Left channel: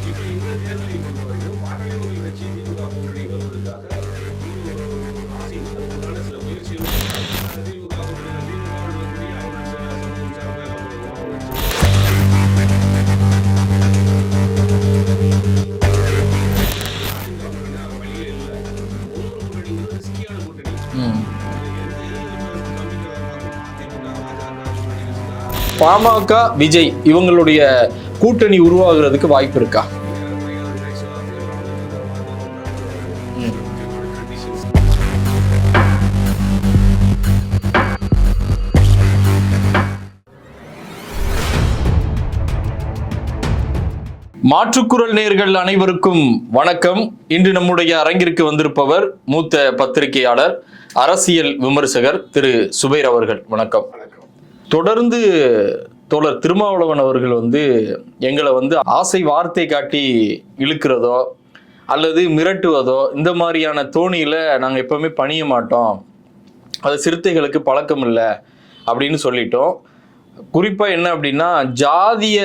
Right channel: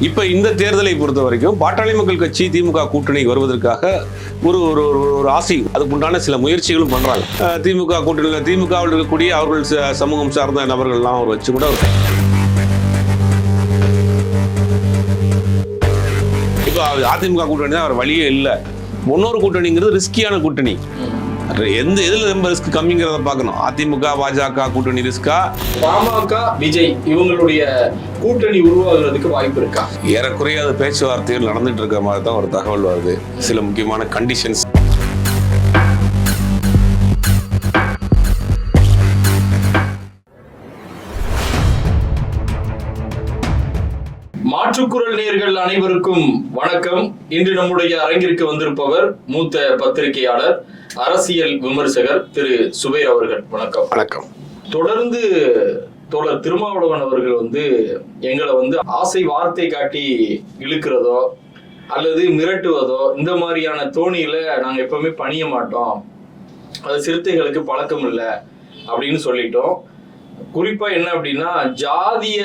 இப்ப இந்த தேர்தலை பொறுத்த வரைக்கும் பாட்டாளி மக்கள் கட்சி திமுக கூட்டணி வருவதற்காக ஒரு ஒரு ஒரு- ஆசை. அதுக்குண்டான சில முயற்சிகளும் பண்றாங்க. திமுக கூட்டணியில் திமுகவில் இருக்கக்கூடிய அவர்கள் ச- சமூகம் சார்ந்த நபர்கள்லாம் அவர் வச்சு கூட அதிமுக கூட்டணி தான் அவர் வழியே இல்லை. இன்னொரு கூட்டணிங்கிறது ரிஸ்கியான கூட்டணி. எந்த எதுல ரொம்ப ரிஸ்க் கம்மிங்கிறத பார்க்கணும். அதிமுக பாஜக கூட்டணி ரிஸ்கா பாமக விஜய் இவங்களுடைய கூட்டணி உருவாகுறதுக்கு வாய்ப்பு இருக்கா? ஏறக்குறைய அது பேச்சுவார்த்தைகள் நடந்துட்டு இருக்க மாதிரி தான் ஒரு தகவல் வருது. சில முக்கியமான கண்டிஷன்ஸ் மாற்றுக்குரல் நேர்கள் அனைவருக்கும் வணக்கம். இன்று நம்முடைய அரங்கிற்கு வந்திருப்பவர் மூத்த பத்திரிகையாளர் அரசியல் விமர்சகர் திரு சுபைர் அவர்கள் வணக்கம். வணக்கம். தொடர்ந்து தோழர் திருமாவளவன் அவர்கள் வந்து எங்களை வந்து ஆசை வார்த்தை காட்டி இழுக்கிறதோ அல்லது மிரட்டுவதோ இந்த மாதிரியான தோணியில நாங்க எப்பவுமே பணிய மாட்டோம். அது சிறுத்தைகளுக்கு பழக்கம் இல்லை அப்படின்னு சொல்லிட்டோம். குறிப்பா என்ன அப்படின்னா ஜாதிய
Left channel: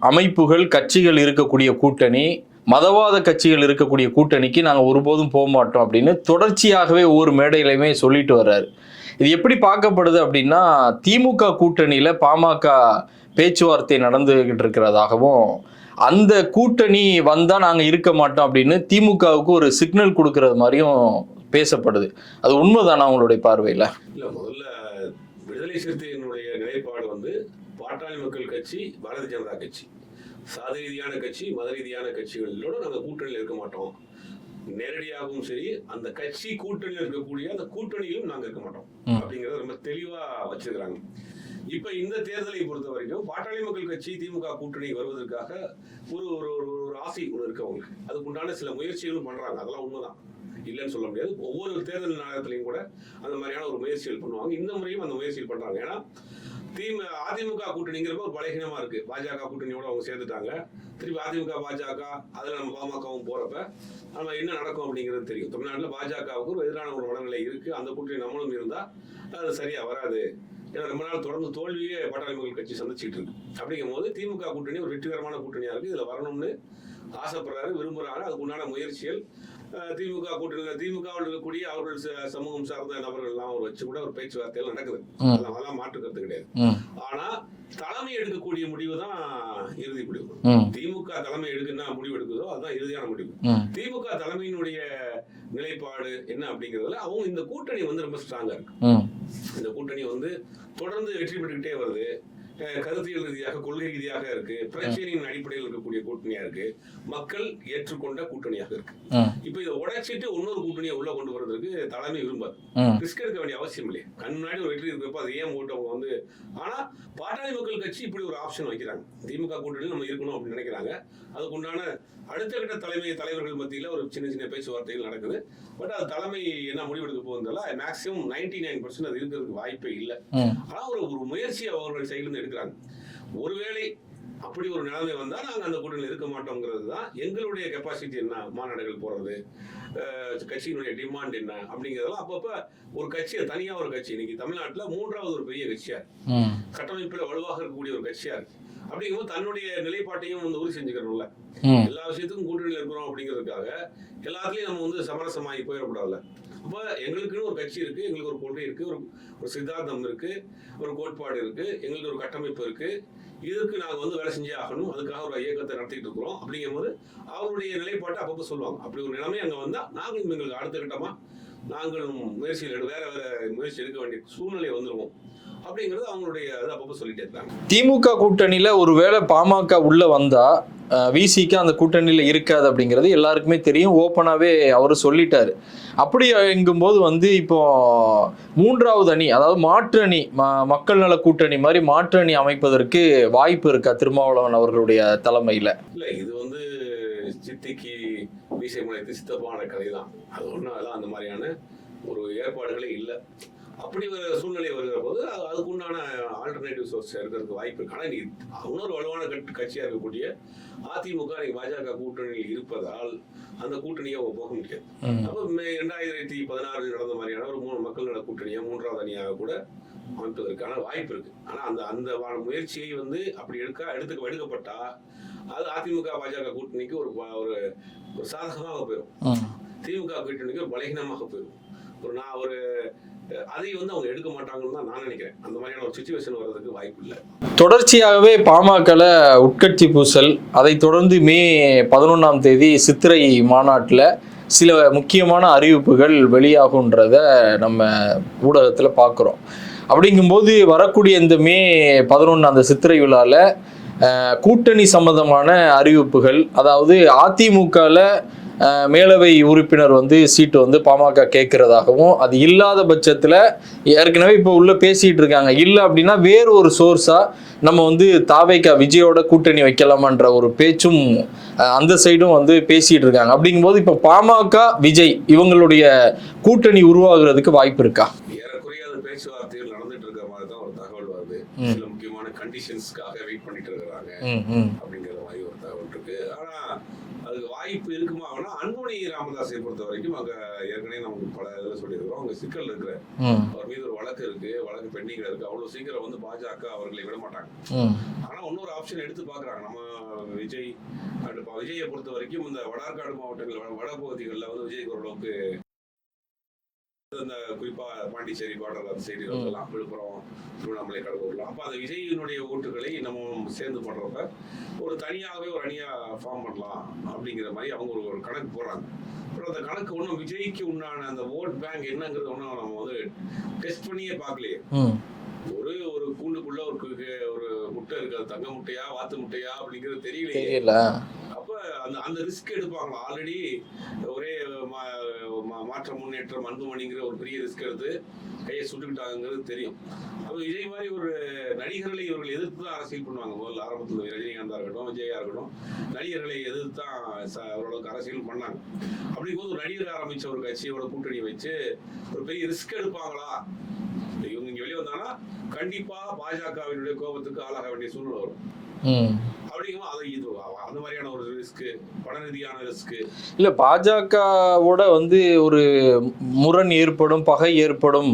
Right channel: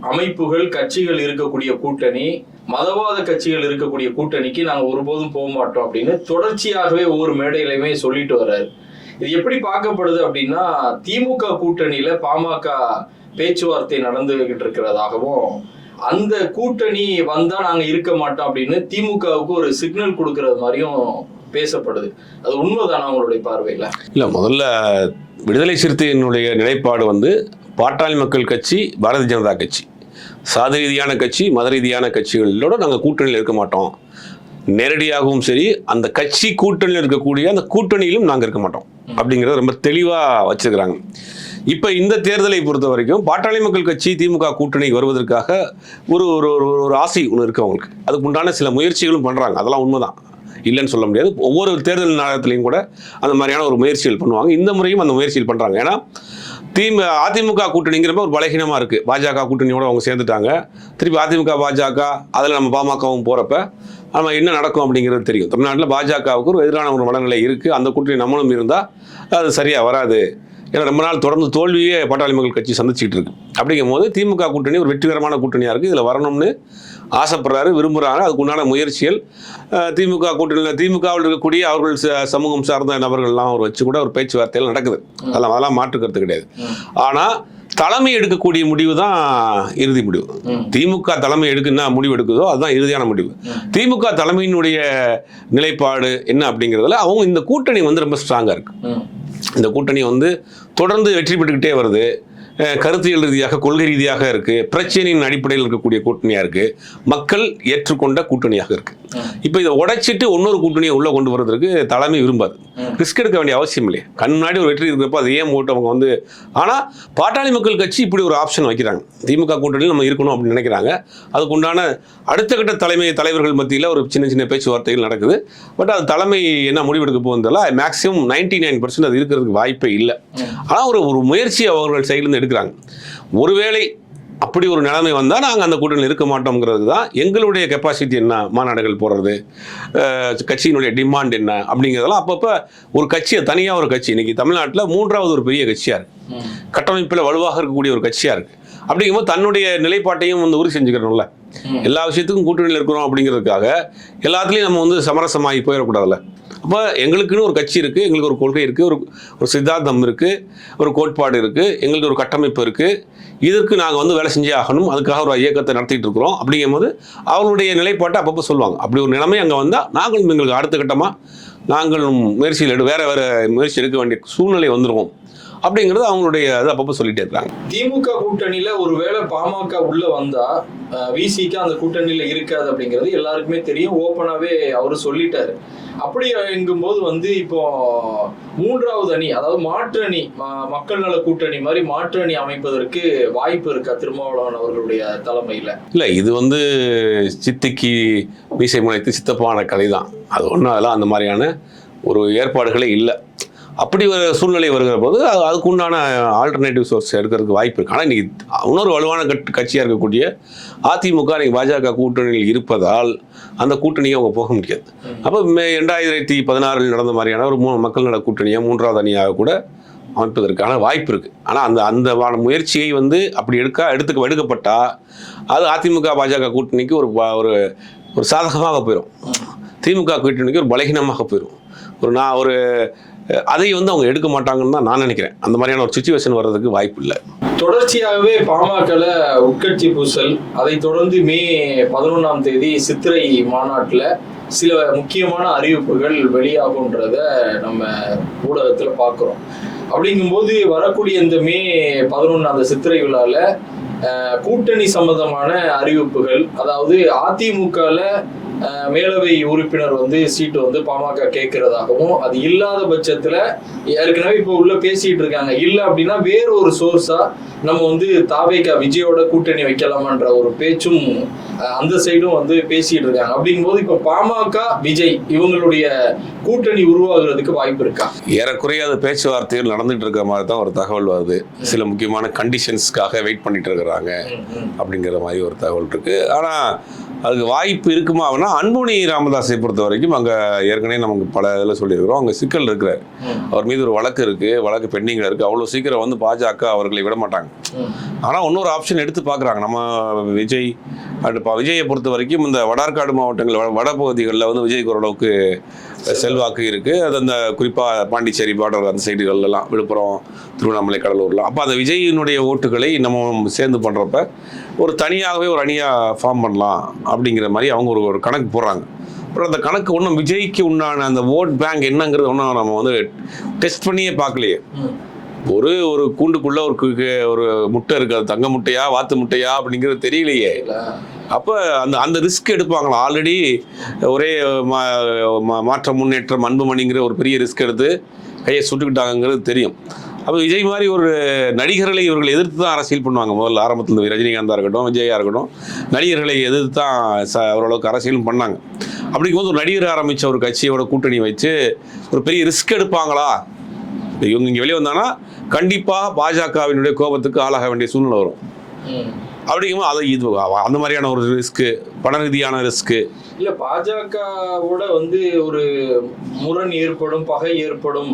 அமைப்புகள் கட்சிகள் இருக்கக்கூடிய கூட்டணி மதவாத கட்சிகள் இருக்கக்கூடிய கூட்டணிக்கு நாங்கள் ஒருபோதும் போக மாட்டோம் அப்படின்னு தொடர்ச்சியாகவே ஒவ்வொரு மேடைகளையுமே சொல்லிட்டு வர்றாரு. இது எப்படி பார்க்கப்படுது அப்படின்னா திமுக கூட்டணியில பாமக பேச்சுவார்த்தை நடந்துகிட்டு இருக்கிறதாகவும் அந்த கூட்டணி வந்தா நாங்க இருக்க மாட்டோம் அப்படின்னு திமுகவுக்கு ஒரு சிக்னல் கொடுக்கறது மாதிரியும் பேசப்படுது. அது உண்மைதானா அவங்களுடைய பார்வையில? இல்ல முதல்ல விடுதலை சிறுத்தையினுடைய நிலைப்பாடு வந்து பாட்டாளி மக்கள் கட்சி பாரதிய ஜனதா கட்சி. சாதி ரீதியான கட்சி மத ரீதியான கட்சிகளோட நாங்கள் கூட்டணியில் இருக்க மாட்டோம். நேரடியாகவும் சரி அந்த கட்சி கூட்டணியில் இருக்கக்கூடிய அந்த கூட்டணியிலும் நாங்கள் இருக்க மாட்டோம். அப்படிங்கிறத ரொம்ப தெளிவாக வச்சிருக்கிறாங்க. இப்போ இந்த தேர்தலை பொறுத்த வரைக்கும் பாட்டாளி மக்கள் கட்சி திமுக கூட்டணி வருவதற்காக ஒரு ஒரு ஒரு- ஆசை ஒன்று இருக்கு அவங்களுக்கு. அதுக்கு உண்டான சில முயற்சிகளும் பண்ணுறாங்க அதெல்லாம் உண்மைதான். இல்லைன்னு சொல்ல முடியாது. ஒவ்வொரு தேர்தல் நேரத்துலையும் கூட அந்த மாதிரியான ஒரு முயற்சிகள் பண்ணுவாங்க. இந்த முறையும் அந்த முயற்சிகள் பண்ணுறாங்க ஏன்னா திமு அதிமுக கூட்டணிங்கிறப்ப ஒரு பலகீனமாக இருக்குது பாஜக கூட்டணியோட அவங்க சேர்ந்துட்டாங்க. திருப்பி அதிமுக பாஜக அதில் நம்ம பாமகவும் போகிறப்ப நம்ம என்ன நடக்கும் அப்படிங்கிறது தெரியும். தமிழ்நாட்டில் பாஜகவுக்கு ஒரு எதிரான ஒரு மனநிலை இருக்குது அந்த கூட்டணி நம்மளும் இருந்தால் அது சரியாக வராது. ஏன்னா ரொம்ப நாள் தொடர்ந்து தோல்வியே பாட்டாளி மக்கள் கட்சி சந்திச்சுட்டு இருக்கு. அப்படிங்கும் போது திமுக கூட்டணி ஒரு வெற்றிகரமான கூட்டணியாக இருக்குது இதில் வரணும்னு ஆசைப்படுறாரு விரும்புகிறாரு அதுக்கு உண்டான முயற்சிகள் திமுக கூட்டணியில் திமுகவில் இருக்கக்கூடிய அவர்கள் சமூகம் சார்ந்த நபர்கள்லாம் அவர் வச்சு கூட ஒரு பேச்சுவார்த்தைகள் நடக்குது. அதெல்லாம் அதெல்லாம் மாற்றுக்கிறது கிடையாது. ஆனால் தலைமை எடுக்கக்கூடிய முடிவு தான் இறுதி முடிவு. திமுக தலைமை எடுக்குன்னா முடிவு எடுக்குதோ அதுதான் இறுதியான முடிவு. திமுக தலைமையினுடைய நிலைப்பாடு என்ன அப்படிங்கிறதுல அவங்க இந்த கூட்டணி வந்து ரொம்ப ஸ்ட்ராங்காக இருக்கு. இந்த கூட்டணி வந்து தொடர்ந்து வெற்றி பெற்றுக்கிட்டே வருது. கருத்தியல் ரீதியாக கொள்கை ரீதியாக இருக்குது பிரச்சனையின் அடிப்படையில் இருக்கக்கூடிய கூட்டணியாக இருக்குது மக்கள் ஏற்றுக்கொண்ட கூட்டணியாக இருக்குது இப்போ இதை உடைச்சிட்டு இன்னொரு கூட்டணியை உள்ள கொண்டு வரதுக்கு தலைமை விரும்பாது. ரிஸ்க் எடுக்க வேண்டிய அவசியம் இல்லையே. கண் முன்னாடி ஒரு வெற்றி இருக்கிறப்ப அது ஏன் போட்டு அவங்க வந்து ஆனால் பாட்டாளி மக்கள் கட்சி இப்படி ஒரு ஆப்ஷன் வைக்கிறாங்க. திமுக கூட்டணியில் நம்ம இருக்கணும் அப்படின்னு நினைக்கிறாங்க. அதுக்கு உண்டான அடுத்த கட்ட தலைமை தலைவர்கள் மத்தியில் ஒரு சின்ன சின்ன பேச்சுவார்த்தைகள் நடக்குது. பட் அது தலைமை என்ன முடிவெடுக்க போகுதில்ல மேக்ஸிமம் நைன்டி நைன் பர்சன்ட் அது இருக்கிறதுக்கு வாய்ப்பே இல்லை. ஆனால் ஒரு ஒரு முயற்சி அவர்கள் சைட்லேருந்து எடுக்கிறாங்க. ஒருவேளை அப்படி ஒரு நிலைமை வந்தால் நாங்கள் அந்த கூட்டணியில் இருக்க மாட்டோங்கிறது தான் எங்களுடைய கெப்பாசிட்டி என்ன? மாநாடுகள் போடுறது கட்சியினுடைய டிமாண்ட் என்ன? அப்படிங்கிறதெல்லாம் அப்பப்போ ஒரு கட்சியை தனியாக ஒரு கட்சி. இன்னைக்கு தமிழ்நாட்டில் மூன்றாவது ஒரு பெரிய கட்சியாக இருக்குது. கட்டமைப்பில் வலுவாக இருக்கக்கூடிய ஒரு கட்சியாக இருக்குது அப்படிங்கும்போது தன்னுடைய நிலைப்பாட்டையும் வந்து உறுதி செஞ்சுக்கிறோம்ல ம். எல்லா விஷயத்துக்கும் கூட்டணியில் இருக்கிறோம் அப்படிங்கிறதுக்காக எல்லாத்துலேயும் நம்ம வந்து சமரசமாகி போயிடக்கூடாதுல்ல. அப்போ எங்களுக்குன்னு ஒரு கட்சி இருக்குது எங்களுக்கு ஒரு கொள்கை இருக்குது ஒரு ஒரு சித்தாந்தம் இருக்குது ஒரு கோட்பாடு இருக்குது எங்களுக்கு ஒரு கட்டமைப்பு இருக்குது இதற்கு நாங்கள் வந்து வேலை செஞ்சே ஆகணும் அதுக்காக ஒரு இயக்கத்தை நடத்திட்டு இருக்கிறோம். அப்படிங்கும்போது அவங்களுடைய நிலைப்பாட்டை அப்பப்போ சொல்லுவாங்க. அப்படி ஒரு நிலைமை அங்கே வந்தால் நாங்களும் எங்களுக்கு அடுத்த கட்டமாக நாங்களும் முயற்சியில் எடு வேறு வேறு முயற்சி எடுக்க வேண்டிய சூழ்நிலை வந்துடுவோம் அப்படிங்கிறது அவங்களுடைய இது அப்பப்போ சொல்லிட்டே இருக்காங்க. திமுக கூட்டணியில் ஒருவேளை பாமக உள்ளே வந்தால் விசிக்கு அந்த கூட்டணியில் இருக்காது அப்படிங்கிறது எல்லாருக்குமே தெரியும். ஓப்பனாகவே அவர் சொல்லிட்டாரு. அப்படி எங்கும்போது வந்து இப்போ மூன்றாவது அணி அதாவது மாற்று அணி ம- மக்கள் நல கூட்டணி மாதிரி மாற்று அணி அமைப்பதற்கு வாய்ப்பு இருக்கா திருமாவளவன் அவர்களுடைய தலைமையில்? இல்லை இது வந்து சித்திக்கு மீசை முனைத்து சித்தப்பான கலை தான் அது ஒன்றும் அதெல்லாம் அந்த மாதிரியான ஒரு ஏற்பாடுகளே இல்லை. அப்படி ஒரு சூழ்நிலை வருகிற போது அது அதுக்கு உண்டான ஆல்டர்னேட்டிவ் சோர்ஸ் எடுக்கிறதுக்கு வாய்ப்பு இருக்கு. ஆனால் இன்னைக்கு இன்னொரு வலுவான கட் கட்சியாக இருக்கக்கூடிய அதிமுக இன்னைக்கு பாஜக கூட்டணியில் இருப்பதால் அந்த கூட்டணியை அவங்க போக முடியாது. அப்போ மே ரெண்டாயிரத்தி பதினாறில் நடந்த மாதிரியான ஒரு மூணு மக்கள் நல கூட்டணியாக மூன்றாவது அணியாக கூட அமைப்பதற்கான வாய்ப்பு இருக்கு. ஆனால் அந்த அந்த முயற்சியை வந்து அப்படி எடுக்க எடுத்துக்க எடுக்கப்பட்டா அது அதிமுக பாஜக கூட்டணிக்கு ஒரு ஒரு ஒரு சாதகமாக போயிடும் திமுக கூட்டணிக்கு ஒரு பலகீனமாக போயிடும் ஒரு நான் ஒரு அதை வந்து அவங்க எடுக்க மாட்டாங்கன்னு தான் நான் நினைக்கிறேன். அந்த மாதிரியான ஒரு சுச்சுவேஷன் வர்றதுக்கு வாய்ப்பு இல்லை. தொடர்ச்சியாகவே பாமகல உட்கட்சி பூசல் அதை தொடர்ந்து மே பதினொன்றாம் தேதி சித்திரை மாநாட்டில் சில முக்கியமான அறிவிப்புகள் வெளியாகுன்றத நம்ம ஊடகத்தில் பார்க்குறோம். அப்படிங்கும்போது வரக்கூடிய இந்த மே பதினொன்று அந்த சித்திரை விழாவில் கூட்டணி சம்பந்தமான அறிவிப்புகள் அதாவது அதிமுகல மேலவை உறுப்பினர் வந்து சீட்டு வந்து பாமக கேட்கறதாகவும் அது இல்லாத பட்சத்துல ஏற்கனவே இப்போ உள்ள பேசிட்டு இருக்காங்க. இல்ல அப்படின்னா வேற ஒரு சோர்ஸா நம்ம வந்து தாவேக்கா விஜயோட கூட்டணி வைக்கலாமான்ற ஒரு பேச்சும் அந்த சைடும் வந்து பேசிட்டு இருக்காங்க. அப்படிங்கும்போது இப்போ பாமக விஜய் இவங்களுடைய கூட்டணி உருவாகுறதுக்கு வாய்ப்பு இருக்கா? ஏறக்குறைய அது பேச்சுவார்த்தைகள் நடந்துட்டு இருக்கிற மாதிரி தான் ஒரு தகவல் வருது. சில முக்கியமான கண்டிஷன்ஸ்க்காக வெயிட் பண்ணிட்டு இருக்கிறாங்க. அப்படிங்கிற மாதிரி ஒரு தகவல் இருக்கு. ஆனா அதுக்கு வாய்ப்பு இருக்குமா அப்படின்னா அன்புமணி ராமதாஸை பொறுத்த வரைக்கும் அங்க ஏற்கனவே நமக்கு பல இதில் சொல்லியிருக்கிறோம். அங்க சிக்கல் இருக்கிறார். அவர் மீது ஒரு வழக்கு இருக்கு. வழக்கு பெண்டிங்ல இருக்கு. அவ்வளவு சீக்கிரம் வந்து பாஜக அவர்களை விட மாட்டாங்க. ம், ஆனா இன்னொரு ஆப்ஷன் எடுத்து பார்க்குறாங்க. நம்ம விஜய் அண்ட் விஜயை பொறுத்த வரைக்கும் இந்த வடார்காடு மாவட்டங்கள் வட வடபகுதிகளில் வந்து விஜய்க்கு ஓரளவுக்கு செல்வாக்கு இருக்கு. அது அந்த குறிப்பாக பாண்டிச்சேரி பார்டர் அந்த சைடுகள்லாம் விழுப்புரம் திருவண்ணாமலை கடலூர்லாம் அப்போ அந்த விஜயினுடைய ஓட்டுகளை நம்ம சேர்ந்து பண்ணுறப்ப ஒரு தனியாகவே ஒரு அணியாக ஃபார்ம் பண்ணலாம் அப்படிங்கிற மாதிரி அவங்க ஒரு ஒரு கணக்கு போடுறாங்க. அப்புறம் அந்த கணக்கு ஒன்றும் விஜய்க்கு உண்டான அந்த ஓட் பேங்க் என்னங்கிறது ஒன்றும் நம்ம வந்து டெஸ்ட் பண்ணியே பார்க்கலையே. ஒரு ஒரு கூண்டுக்குள்ள ஒரு ஒரு முட்டை இருக்கு. அது தங்க முட்டையா வாத்து முட்டையா அப்படிங்கிறது தெரியலையே. அப்போ அந்த அந்த ரிஸ்க் எடுப்பாங்களா? ஆல்ரெடி ஒரே மா- மாற்ற முன்னேற்றம் அன்புமணிங்கிற ஒரு பெரிய ரிஸ்க் எடுத்து கையை சுட்டுக்கிட்டாங்கிறது தெரியும். அப்போ விஜய் மாதிரி ஒரு நடிகர்களை இவர்கள் எதிர்த்து தான் அரசியல் பண்ணுவாங்க. முதல்ல ஆரம்பத்தில் ரஜினிகாந்தாக இருக்கட்டும் விஜயாக இருக்கட்டும் நடிகர்களை எதிர்த்து தான் ச ஓரளவுக்கு அரசியலும் பண்ணாங்க. அப்படிங்கும் போது ஒரு நடிகர் ஆரம்பித்த ஒரு கட்சியோட கூட்டணி வச்சு ஒரு பெரிய ரிஸ்க் எடுப்பாங்களா? இவங்க இங்கே வெளியே வந்தாங்கன்னா கண்டிப்பாக பாஜகவினுடைய கோபத்துக்கு ஆளாக வேண்டிய சூழ்நிலை வரும். அப்படிங்கும்போது அதை இது அந்த மாதிரியான ஒரு ரிஸ்க்கு பண ரீதியான ரிஸ்க்கு இல்ல பாஜகவோட வந்து ஒரு முரண் ஏற்படும் பகை ஏற்படும்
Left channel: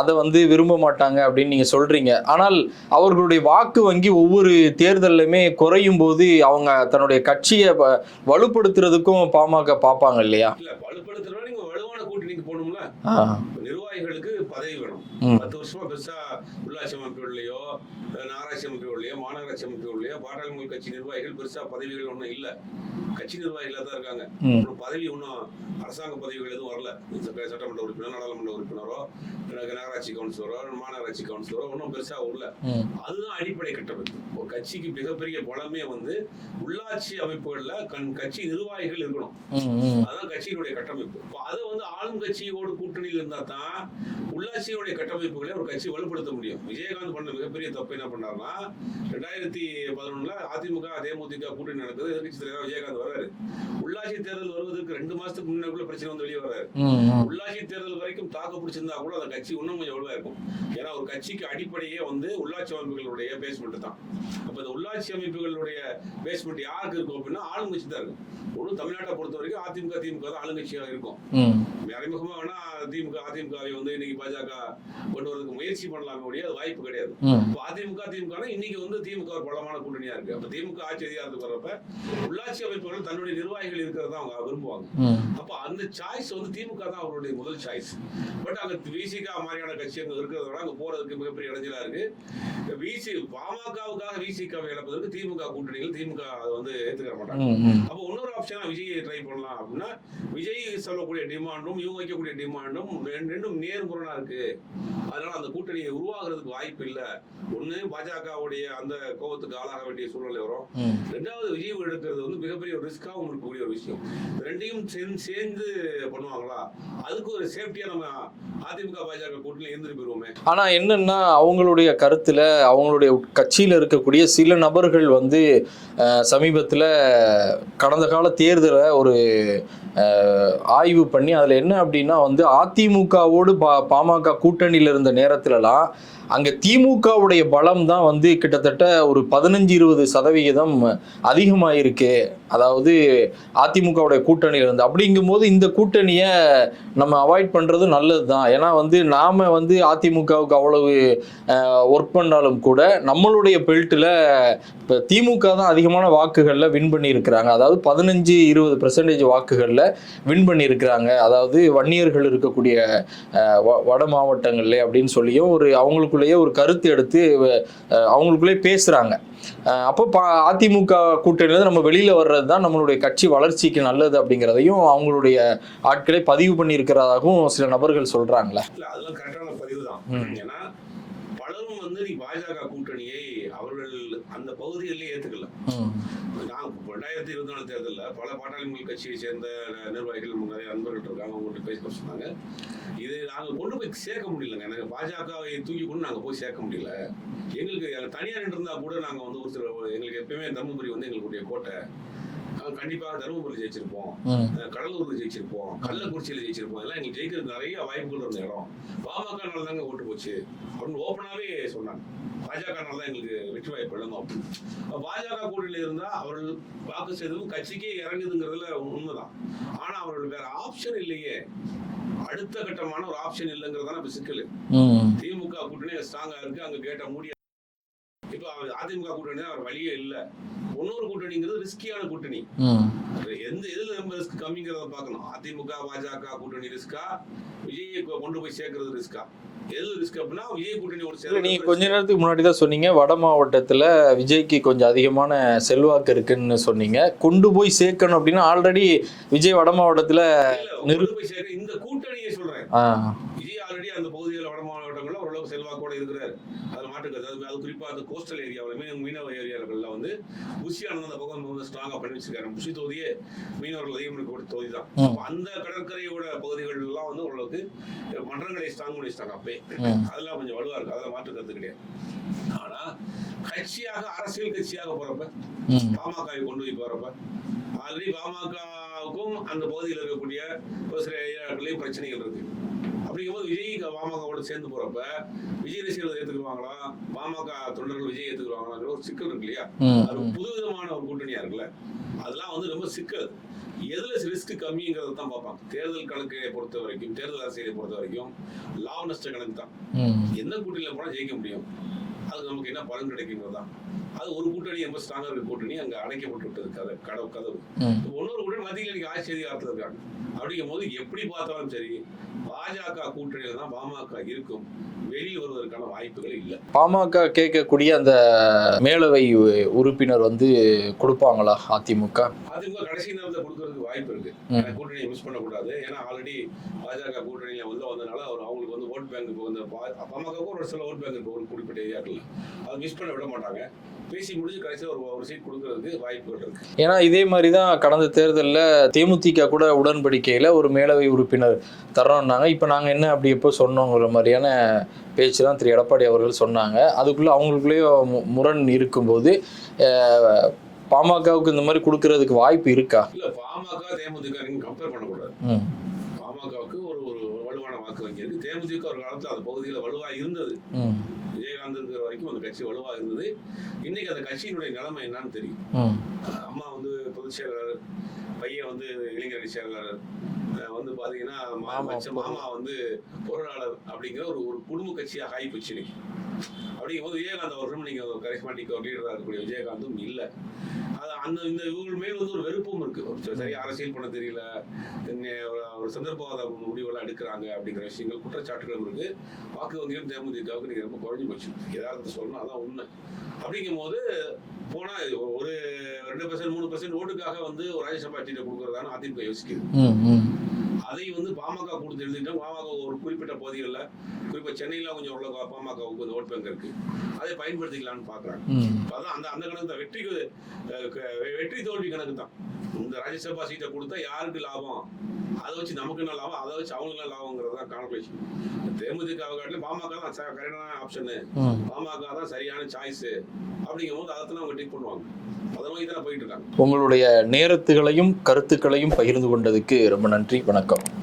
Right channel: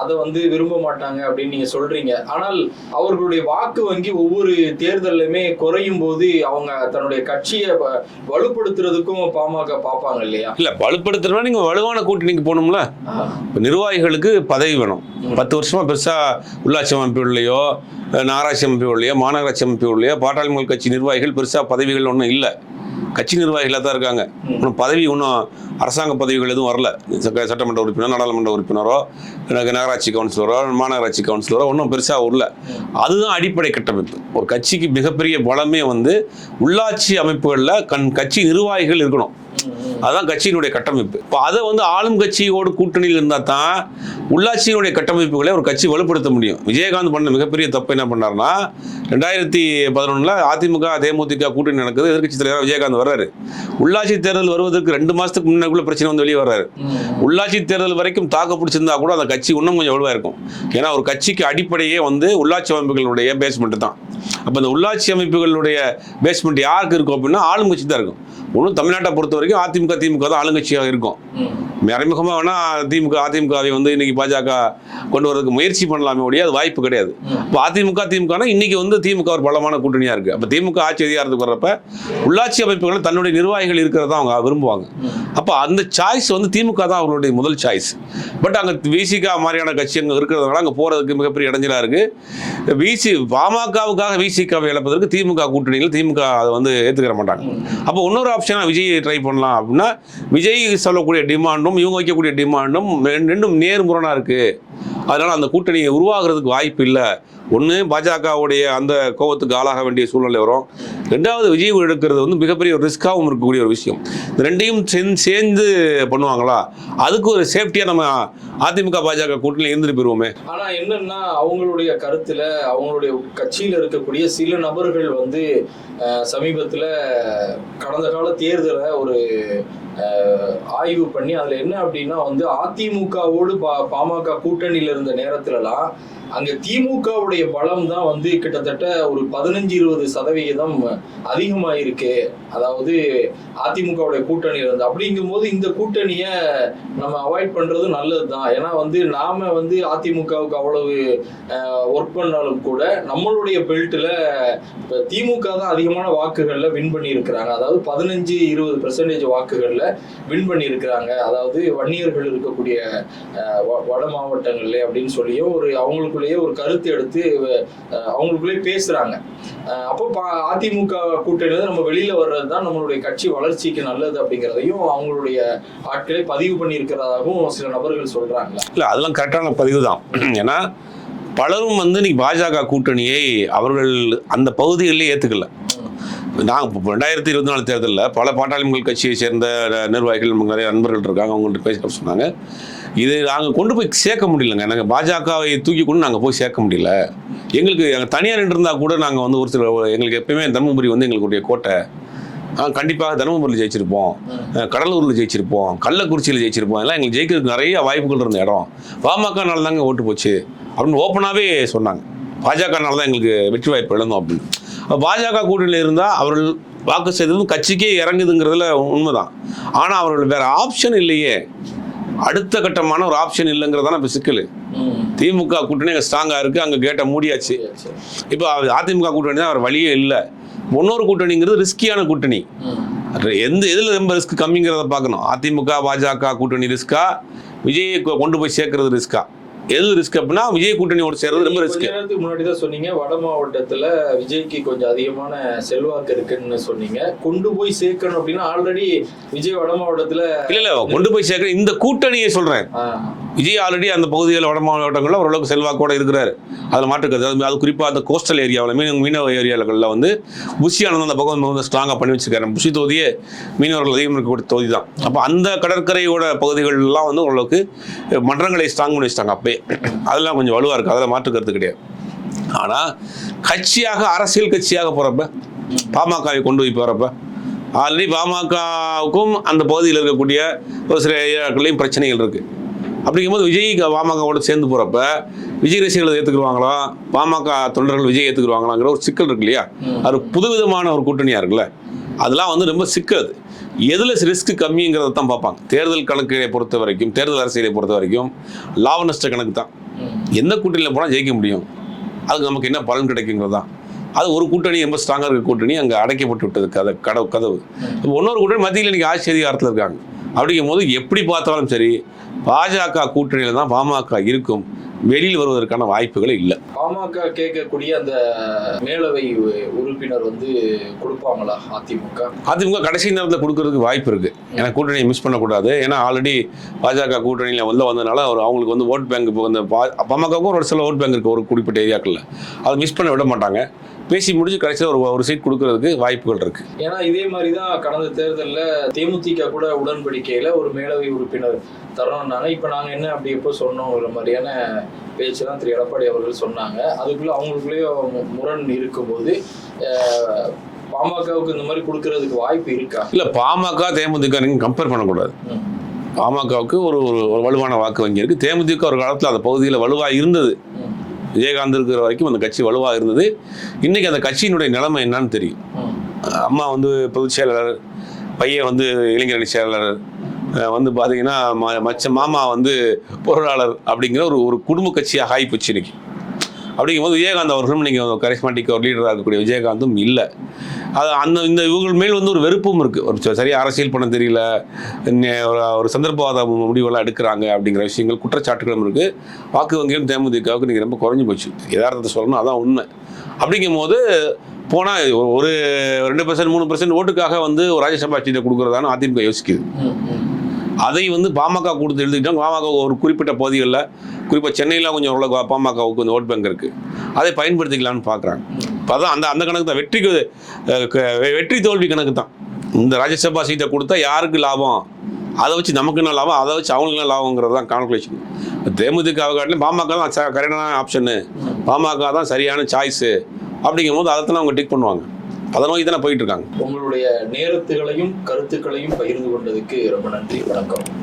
அதை வந்து விரும்ப மாட்டாங்க அப்படின்னு நீங்க சொல்றீங்க. ஆனால் அவர்களுடைய வாக்கு வங்கி ஒவ்வொரு தேர்தல்லையுமே குறையும் போது அவங்க தன்னுடைய கட்சியை வலுப்படுத்துறதுக்கும் பாமக பார்ப்பாங்க இல்லையா? இல்லை வலுப்படுத்துறதுனா நீங்கள் வலுவான கூட்டணிக்கு போகணும்ல. நிர்வாகிகளுக்கு பதவி வேணும். பத்து வருஷமா பெருசா உள்ளாட்சி அமைப்புகள்லையோ நகராட்சி அமைப்புகள்லையோ மாநகராட்சி அமைப்புகள்லையோ பாட்டாளி மக்கள் கட்சி நிர்வாகிகள் பெருசா பதவிகள் ஒன்றும் இல்லை. கட்சி நிர்வாகிகளாக தான் இருக்காங்க. இன்னும் பதவி இன்னும் அரசாங்க பதவிகள் எதுவும் வரல சட்ட- சட்டமன்ற உறுப்பினர் நாடாளுமன்ற உறுப்பினரோ எனக்கு நகராட்சி கவுன்சிலரோ மாநகராட்சி கவுன்சிலரோ ஒன்றும் பெருசாக வரல ம். அதுதான் அடிப்படை கட்டமைப்பு ஒரு கட்சிக்கு மிகப்பெரிய பலமே வந்து உள்ளாட்சி அமைப்புகளில் கண் கட்சி நிர்வாகிகள் இருக்கணும். அதுதான் கட்சியினுடைய கட்டமைப்பு. இப்போ அதை வந்து ஆளும் கட்சியோடு கூட்டணியில் இருந்தால் தான் உள்ளாட்சியினுடைய கட்டமைப்புகளை ஒரு கட்சி வலுப்படுத்த முடியும். விஜயகாந்த் பண்ண மிகப்பெரிய தப்பு என்ன பண்ணாருன்னா ரெண்டாயிரத்தி பதினொன்றில் அதிமுக தேமுதிக கூட்டணி நடக்குது. எதிர்க்கட்சி தலைவர் விஜயகாந்த் வர்றாரு. உள்ளாட்சி தேர்தல் வருவதற்கு ரெண்டு மாதத்துக்கு முன்னாக்குள்ள பிரச்சனை வந்து வெளியே வர்றாரு. உள்ளாட்சி தேர்தல் வரைக்கும் தாக்கு பிடிச்சிருந்தா கூட அந்த கட்சி இன்னும் கொஞ்சம் வலுவாக இருக்கும். ஏன்னா ஒரு கட்சிக்கு அடிப்படையே வந்து உள்ளாட்சி அமைப்புகளுடைய பேஸ்மெண்ட் தான். அப்போ இந்த உள்ளாட்சி அமைப்புகளுடைய பேஸ்மெண்ட் யாருக்கு இருக்கும் அப்படின்னா ஆளுங்கட்சி தான் இருக்கும். ஒன்றும் தமிழ்நாட்டை பொறுத்த வரைக்கும் அதிமுக திமுக தான் ஆளுங்கட்சியாக இருக்கும். மறைமுகமாக வேணால் திமுக அதிமுகவை வந்து இன்னைக்கு பாஜக கொண்டு வரதுக்கு முயற்சி பண்ணலாமே ஒழிய அது வாய்ப்பு கிடையாது. இப்போ அதிமுக திமுகனா இன்னைக்கு வந்து திமுக ஒரு பலமான கூட்டணியாக இருக்குது அப்போ திமுக ஆட்சி அதிகாரத்துக்கு வர்றப்ப உள்ளாட்சி அமைப்புகளில் தன்னுடைய நிர்வாகிகள் இருக்கிறத அவங்க விரும்புவாங்க. அப்போ அந்த சாய்ஸ் வந்து திமுக தான் அவர்களுடைய முதல் சாய்ஸ் பட் அங்கே விசிகா மாதிரியான கட்சி அங்கே இருக்கிறதுனால அங்கே போகிறதுக்கு மிகப்பெரிய இடைஞ்சலாக இருக்குது விசி பாமகவுக்காக விசிகாவை இழப்பதற்கு திமுக கூட்டணியில் திமுக அதை வந்து ஏற்றுக்கிற மாட்டாங்க. அப்போ இன்னொரு ஆப்ஷனாக விஜய் ட்ரை பண்ணலாம் அப்படின்னா விஜய் சொல்லக்கூடிய டிமாண்டும் இவங்க வைக்கக்கூடிய டிமாண்டும் ரெண்டும் நேர்முரணாக இருக்குது அதனால் அந்த கூட்டணி உருவாகிறதுக்கு வாய்ப்பு இல்லை. ஒன்று பாஜகவுடைய அந்த கோபத்துக்கு ஆளாக வேண்டிய சூழ்நிலை வரும். ரெண்டாவது விஜய் எடுக்கிறது வந்து மிகப்பெரிய ஒரு ரிஸ்க்காகவும் இருக்கக்கூடிய ஒரு விஷயம். இந்த ரெண்டையும் சேர்ந்து சேர்ந்து பண்ணுவாங்களா? அதுக்கு ஒரு சேஃப்டியாக நம்ம அதிமுக பாஜக கூட்டணியில் இருந்துட்டு போயிருவோமே. ஆனால் என்னன்னா அவங்களுடைய கருத்தில் அவங்களுடைய கட்சியில் இருக்கக்கூடிய சில நபர்கள் வந்து சமீபத்தில் கடந்த கால தேர்தலை ஒரு ஆய்வு பண்ணி அதில் என்ன அப்படின்னா வந்து அதிமுகவோடு பா பாமக கூட்டணியில் இருந்த நேரத்துலலாம் அங்க திமுகவுடைய பலம் தான் வந்து கிட்டத்தட்ட ஒரு பதினஞ்சு இருபது சதவிகிதம் அதிகமாயிருக்கு. அதாவது அதிமுகவுடைய கூட்டணி இருந்து. அப்படிங்கும்போது இந்த கூட்டணியை நம்ம அவாய்ட் பண்றது நல்லது தான். ஏன்னா வந்து நாம வந்து அதிமுகவுக்கு அவ்வளவு ஒர்க் பண்ணாலும் கூட நம்மளுடைய பெல்ட்டில் இப்போ திமுக தான் அதிகமான வாக்குகளில் வின் பண்ணி இருக்கிறாங்க அதாவது பதினஞ்சு இருபது பெர்சன்டேஜ் வாக்குகளில் வின் பண்ணி இருக்கிறாங்க அதாவது வன்னியர்கள் இருக்கக்கூடிய வ- வட மாவட்டங்கள்ல அப்படின்னு சொல்லியும் ஒரு அவங்களுக்கு அவங்களுக்குள்ளேயே ஒரு கருத்து எடுத்து அஹ், அவங்களுக்குள்ளே பேசுறாங்க. அப்போ அதிமுக கூட்டணியில நம்ம வெளியில வர்றது தான் நம்மளுடைய கட்சி வளர்ச்சிக்கு நல்லது அப்படிங்கிறதையும் அவங்களுடைய ஆட்களை பதிவு பண்ணி இருக்கிறதாகவும் சில நபர்கள் சொல்றாங்களே? இல்லை அதெல்லாம் கரெக்டான பதிவு தான் ஏன்னா பலரும் வந்து இன்னைக்கு பாஜக கூட்டணியை அவர்கள் அந்த பகுதிகளிலே ஏற்றுக்கல நான் ரெண்டாயிரத்தி இருபத்தி நாலு தேர்தலில் பல பாட்டாளி மக்கள் கட்சியை சேர்ந்த நிர்வாகிகள் நிறைய நண்பர்கள் இருக்காங்க அவங்கள்ட்ட பேசிட்டு சொன்னாங்க. இது நாங்கள் கொண்டு போய் சேர்க்க முடியலங்க. நாங்கள் பாஜகவை தூக்கி கொண்டு நாங்கள் போய் சேர்க்க முடியல. எங்களுக்கு எங்கள் தனியார் இருந்தால் கூட நாங்கள் வந்து ஒரு சில எங்களுக்கு எப்பயுமே தருமபுரி வந்து எங்களுடைய கோட்டை. கண்டிப்பாக தருமபுரியில் ஜெயிச்சிருப்போம். கடலூரில் ஜெயிச்சிருப்போம். கள்ளக்குறிச்சியில் ஜெயிச்சிருப்போம். எல்லாம் எங்களுக்கு ஜெயிக்கிறதுக்கு நிறைய வாய்ப்புகள் இருந்த இடம். பாமகனால தாங்க ஓட்டு போச்சு. அப்படின்னு ஓப்பனாகவே சொன்னாங்க. பாஜகனால தான் எங்களுக்கு வெற்றி வாய்ப்பு இழந்தோம் அப்படின்னு. அப்ப பாஜக கூட்டணியில் இருந்தால் அவர்கள் வாக்கு செய்ததும் கட்சிக்கே இறங்குதுங்கிறதுல உண்மைதான். ஆனால் அவர்கள் வேற ஆப்ஷன் இல்லையே. அடுத்த கட்டமான ஒரு ஆப்ஷன் இல்லைங்கிறதான இப்போ சிக்கல். திமுக கூட்டணி அங்கே ஸ்ட்ராங்காக இருக்குது அங்கே கேட்டை மூடியாச்சு. இப்போ அதிமுக கூட்டணி தான் அவர் வழியே இல்லை. இன்னொரு கூட்டணிங்கிறது ரிஸ்கியான கூட்டணி. எந்த எதில் ரொம்ப ரிஸ்க் கம்மிங்கிறத பார்க்கணும். அதிமுக பாஜக கூட்டணி ரிஸ்கா விஜயை கொண்டு போய் சேர்க்கறது ரிஸ்கா எது ரிஸ்க் அப்படின்னா விஜய் கூட்டணியோட சேர்றது ரொம்ப ரிஸ்க் நேரத்துக்கு முன்னாடி தான் சொன்னீங்க. வட மாவட்டத்துல விஜய்க்கு கொஞ்சம் அதிகமான செல்வாக்கு இருக்குன்னு சொன்னீங்க. கொண்டு போய் சேர்க்கணும் அப்படின்னா ஆல்ரெடி விஜய் வட மாவட்டத்துல இல்ல இல்ல கொண்டு போய் சேர்க்க இந்த கூட்டணியை சொல்றேன். ஆ, விஜய் ஆல்ரெடி அந்த பகுதியில் வட மாவட்டங்களில் ஓரளவுக்கு செல்வாக்கோட இருக்கிறாரு. அதில் மாற்றுக்கிறது அது குறிப்பாக அந்த கோஸ்டல் ஏரியாவில் மீன் மீனவ ஏரியாக்களில் வந்து புஷி ஆனந்த் அந்த பக்கம் வந்து ஸ்ட்ராங்காக பண்ணி வச்சிருக்காரு. புஷி தொகுதியே மீனவர்கள் அதிகம் இருக்கக்கூடிய தொகுதி தான் அப்போ அந்த கடற்கரையோட பகுதிகளெலாம் வந்து ஓரளவுக்கு மன்றங்களை ஸ்ட்ராங் பண்ணி வச்சிட்டாங்க. அப்பயே அதெல்லாம் கொஞ்சம் வலுவாக இருக்குது அதில் மாற்றுக்கிறது கிடையாது. ஆனால் கட்சியாக அரசியல் கட்சியாக போகிறப்ப பாமகவை கொண்டு போய் போகிறப்ப ஆல்ரெடி பாமகவுக்கும் அந்த பகுதியில் இருக்கக்கூடிய ஒரு சில ஏரியாக்கள்லையும் பிரச்சனைகள் இருக்குது அப்படிங்கும்போது விஜய் பாமகவோட சேர்ந்து போகிறப்ப விஜய் ரசிகர்களை ஏற்றுக்குருவாங்களா பாமக தொண்டர்கள் விஜய் ஏற்றுக்குருவாங்களாங்கிற ஒரு சிக்கல் இருக்கு இல்லையா. அது புதுவிதமான ஒரு கூட்டணியாக இருக்குல்ல? அதெல்லாம் வந்து ரொம்ப சிக்கல் அது. எதில் ரிஸ்க் கம்மிங்கிறத தான் பார்ப்பாங்க. தேர்தல் கணக்கை பொறுத்த வரைக்கும் தேர்தல் அரசியலை பொறுத்த வரைக்கும் லாப நஷ்ட கணக்கு தான். எந்த கூட்டணியில் போனால் ஜெயிக்க முடியும்? அதுக்கு நமக்கு என்ன பலன் கிடைக்குங்கிறது தான். அது ஒரு கூட்டணி ரொம்ப ஸ்ட்ராங்காக இருக்க கூட்டணி அங்கே அடைக்கப்பட்டு விட்டது. கதை கடவு கதவு. இன்னொரு கூட்டணி மத்தியில் இன்னைக்கு ஆட்சி அதிகாரத்தில் இருக்காங்க. அப்படிங்கும் போது எப்படி பார்த்தாலும் சரி பாஜக கூட்டணியில் தான் பாமக இருக்கும். வெளியில் வருவதற்கான வாய்ப்புகளே இல்லை. பாமக கேட்கக்கூடிய அந்த மேலவை உறுப்பினர் வந்து கொடுப்பாங்களா அதிமுக? அதிமுக கடைசி நேரத்தில் கொடுக்கறதுக்கு வாய்ப்பு இருக்கு. ஏன்னா கூட்டணியை மிஸ் பண்ணக்கூடாது. ஏன்னா ஆல்ரெடி பாஜக கூட்டணியில் உள்ள வந்ததுனால அவர் அவங்களுக்கு வந்து ஓட் பேங்க் இப்போ வந்து பா- பாமகவுக்கும் ஒரு சில ஓட் பேங்க் இருக்கு ஒரு குறிப்பிட்ட ஏரியாக்களில். அதை மிஸ் பண்ண விட மாட்டாங்க. பேசி முடிஞ்சு கடைசியில் ஒரு ஒரு சீட் கொடுக்கறதுக்கு வாய்ப்புகள் இருக்கு. ஏன்னா இதே மாதிரி தான் கடந்த தேர்தலில் தேமுதிக கூட உடன்படிக்கையில் ஒரு மேலவை உறுப்பினர் தர்றோம்னாங்க இப்போ நாங்கள் என்ன அப்படி எப்போ சொன்னோங்கிற மாதிரியான பேச்சு தான் திரு. எடப்பாடி அவர்கள் சொன்னாங்க. அதுக்குள்ளே அவங்களுக்குள்ளேயே முரண் இருக்கும்போது பாமகவுக்கு இந்த மாதிரி கொடுக்கறதுக்கு வாய்ப்பு இருக்கா? இல்லை பாமக தேமுதிக நீங்கள் கம்பேர் பண்ணக்கூடாது. பாமகவுக்கு ஒரு ஒரு வலுவான வாக்கு வங்கி இருக்கு. தேமுதிக ஒரு காலத்தில் அந்த பகுதியில் வலுவாக இருந்தது. விஜயகாந்த் இருக்கிற வரைக்கும் அந்த கட்சி வலுவாக இருந்தது. இன்றைக்கி அந்த கட்சியினுடைய நிலைமை என்னன்னு தெரியும். அம்மா வந்து பொதுச் செயலாளர் பையன் வந்து இளைஞரணி செயலாளர் வந்து பார்த்தீங்கன்னா ம- மச்ச மாமா வந்து பொருளாளர் அப்படிங்கிற ஒரு ஒரு குடும்ப கட்சியாக ஆகிப்போச்சு இன்னைக்கு. அப்படிங்கும்போது விஜயகாந்த் அவர்களும் நீங்கள் கரிஸ்மாட்டிக் ஒரு லீடராக இருக்கக்கூடிய விஜயகாந்தும் இல்லை. அது அந்த இந்த இவர்கள் மேல் வந்து ஒரு வெறுப்பும் இருக்குது ஒரு ச- அரசியல் பண்ண தெரியல. ஒரு ஒரு சந்தர்ப்பவாத முடிவெல்லாம் எடுக்கிறாங்க அப்படிங்கிற விஷயங்கள் குற்றச்சாட்டுகளும் இருக்குது வாக்கு வங்கியும் தேமுதிகவுக்கு நீங்கள் ரொம்ப குறைஞ்சி போச்சு. யதார்த்தத்தை சொல்லணும் அதான் உண்மை. அப்படிங்கும்போது போனால் ஒரு ரெண்டு பர்சன்ட் மூணு பர்சன்ட் ஓட்டுக்காக வந்து ராஜ்யசபா சீட்டை கொடுக்குறதான்னு அதிமுக யோசிக்குது. அதை வந்து பாமக கொடுத்து எழுதிக்கிட்டாங்க பாமக ஒரு குறிப்பிட்ட பகுதிகளில் குறிப்பாக சென்னையில் கொஞ்சம் ஓரளவுக்கு பாமகவுக்கு கொஞ்சம் ஓட் பேங்க் இருக்குது அதை பயன்படுத்திக்கலாம்னு பார்க்குறாங்க. இப்போ அதான் அந்த அந்த கணக்கு தான். வெற்றிக்கு வெற்றி தோல்வி கணக்கு தான். இந்த ராஜ்யசபா சீட்டை கொடுத்தா யாருக்கு லாபம்? அதை வச்சு நமக்கு என்ன லாபம்? அதை வச்சு அவங்களுக்கு என்ன லாபங்கிறது தான் கால்குலேஷன் தேமுதிக காட்டிலும் பாமக தான் கரெக்டான ஆப்ஷனு பாமக தான் சரியான சாய்ஸு அப்படிங்கும்போது அதை தான் அவங்க டிக் பண்ணுவாங்க. அதை நோக்கி தானே போயிட்டு இருக்காங்க? உங்களுடைய நேரத்துகளையும் கருத்துக்களையும் பகிர்ந்து கொண்டதுக்கு ரொம்ப நன்றி வணக்கம்.